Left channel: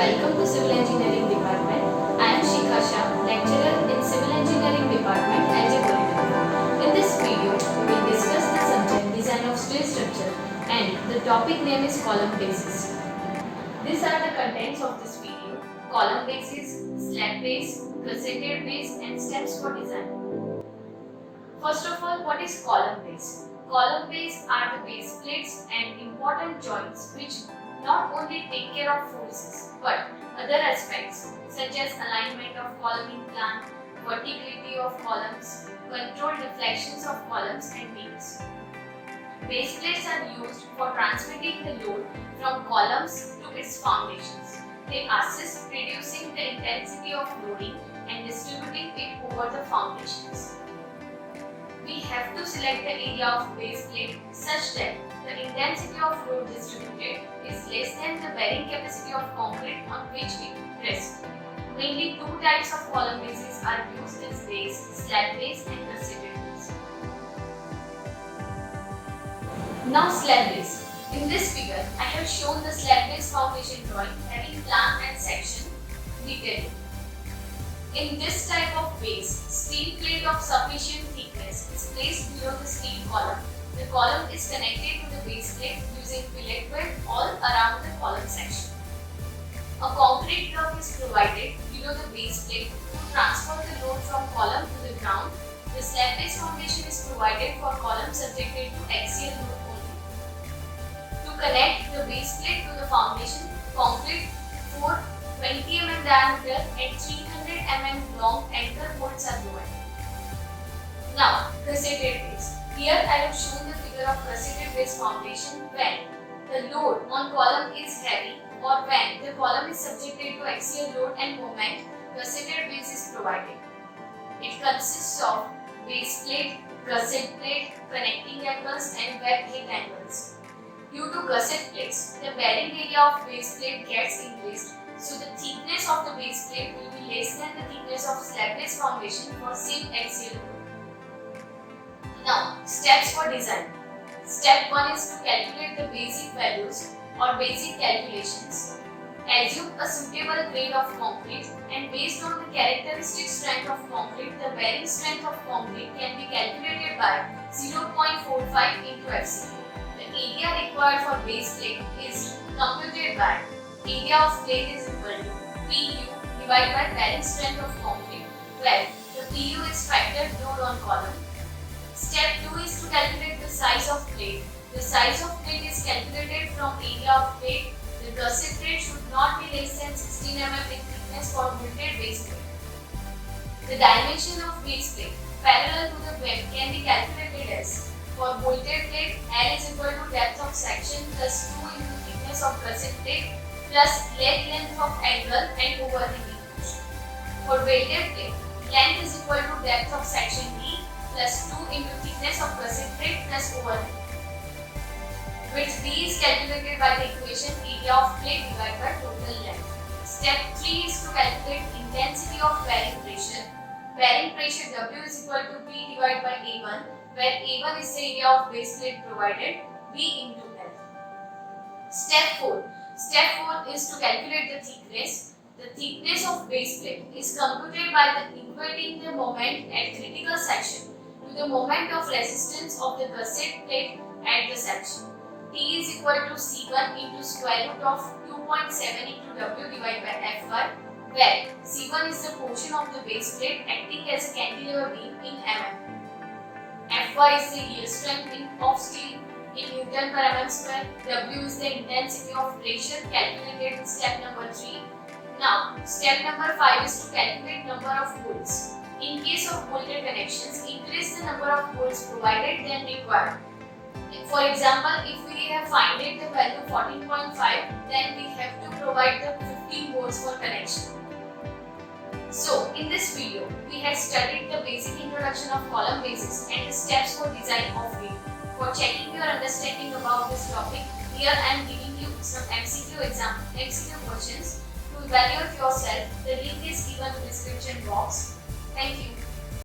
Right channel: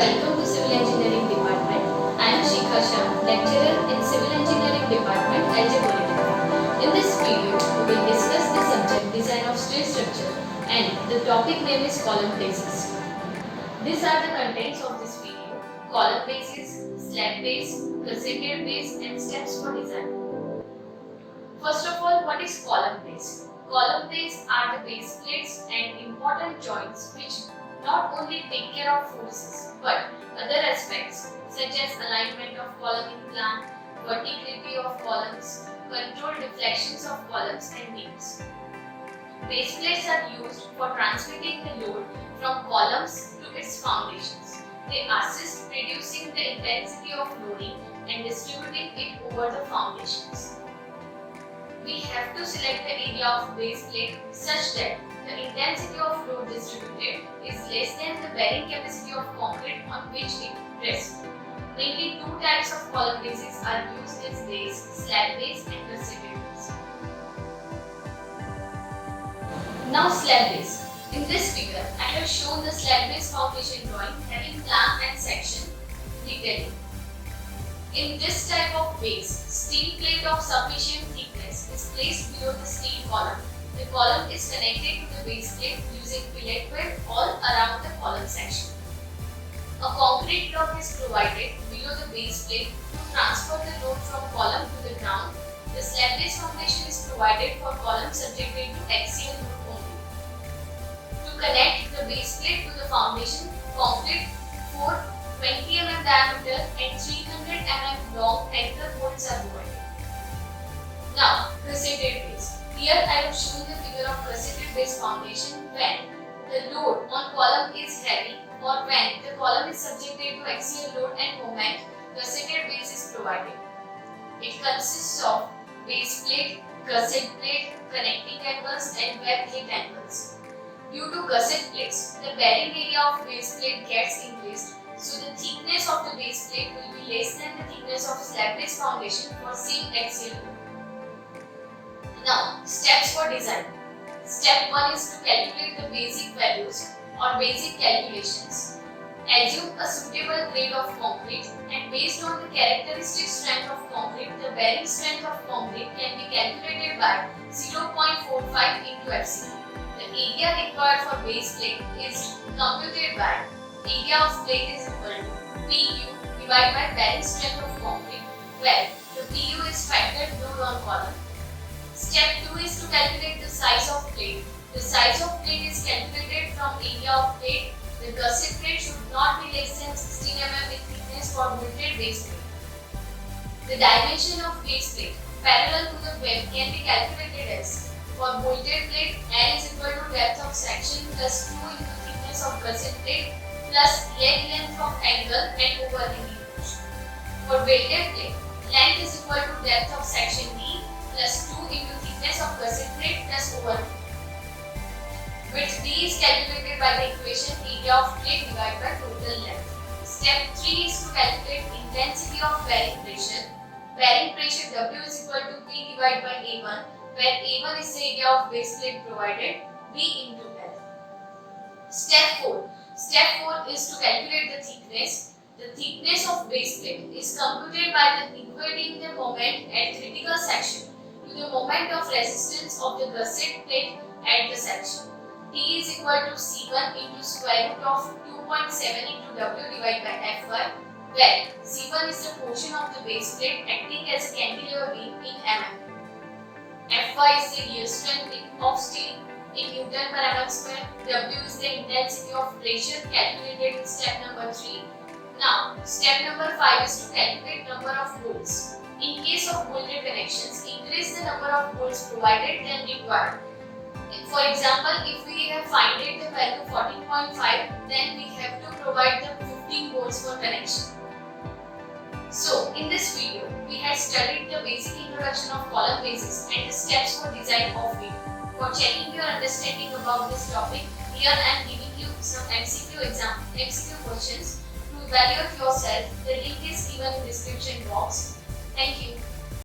Welcome to Civil Engineering Department. I am Shikha Shah, lecturer in Civil Engineering Department, LJ Polytechnic. In this video, we will discuss the subject design of steel structure and the topic name is column bases. These are the contents of this video: column bases, slab base, gusseted base and steps for design. First of all, what is column base? Column base are the base plates and important joints which not only take care of forces but other aspects such as alignment of column in plan, verticality of columns, control deflections of columns and beams. Base plates are used for transmitting the load from columns to its foundations. They assist reducing the intensity of loading and distributing it over the foundations. We have to select the area of base plate such that the intensity of load distributed is less than the bearing capacity of concrete on which it rests. Mainly two types of column bases are used as base, slab base and gusseted base. Now slab base. In this figure, I have shown the slab base foundation drawing having plan and section detailing. In this type of base, steel plate of sufficient thickness is placed below the steel column. The column is connected to the base plate using fillet weld all around the column section. A concrete block is provided below the base plate to transfer the load from column to the ground. The slab base foundation is provided for columns subjected to axial load only. To connect the base plate to the foundation, concrete 20 mm diameter and 300 mm long anchor bolts are provided. Now, gusseted base. Here I have shown the figure of gusseted base foundation when the load on column is heavy or when the column is subjected to axial load and moment, gusseted base is provided. It consists of base plate, gusset plate, connecting angles and web plate angles. Due to gusset plates, the bearing area of base plate gets increased. So the thickness of the base plate will be less than the thickness of slab base foundation for same axial load. Now, steps for design. Step 1 is to calculate the basic values or basic calculations. Assume a suitable grade of concrete and based on the characteristic strength of concrete, the bearing strength of concrete can be calculated by 0.45 into FCD. The area required for base plate is computed by area of plate is equal to PU divided by bearing strength of concrete, where the PU is factored load on column. Step 2 is to calculate the size of plate. The size of plate is calculated from area of plate. The gusset plate should not be less than 16 mm in thickness for bolted base plate. The dimension of base plate parallel to the web can be calculated as: for bolted plate, L is equal to depth of section plus 2 into thickness of gusset plate plus leg length of angle and overhanging portion. For welded plate, length is equal to depth of section D plus 2 into thickness of gusset plate plus overhang. Which D is calculated by the equation area of plate divided by total length. Step 3 is to calculate intensity of bearing pressure. Bearing pressure W is equal to P divided by A1, where A1 is the area of base plate provided, B into L. Step 4. Step 4 is to calculate the thickness. The thickness of base plate is computed by equating the moment at critical section to the moment of resistance of the gusset plate at the section. T is equal to C1 into square root of 2.7 into W divided by Fy, where C1 is the portion of the base plate acting as a cantilever beam in mm. Fy is the yield strength of steel in Newton per mm square. W is the intensity of pressure calculated in step number 3. Now, step number 5 is to calculate number of bolts. In case of bolted connections, increase the number of bolts provided than required. For example, if we have found the value 14.5, then we have to provide the 15 bolts for connection. So, in this video, we have studied the basic introduction of column bases and the steps for design of it. For checking your understanding about this topic, here I am giving you some MCQ questions to evaluate yourself. The link is given in the description box. Thank you.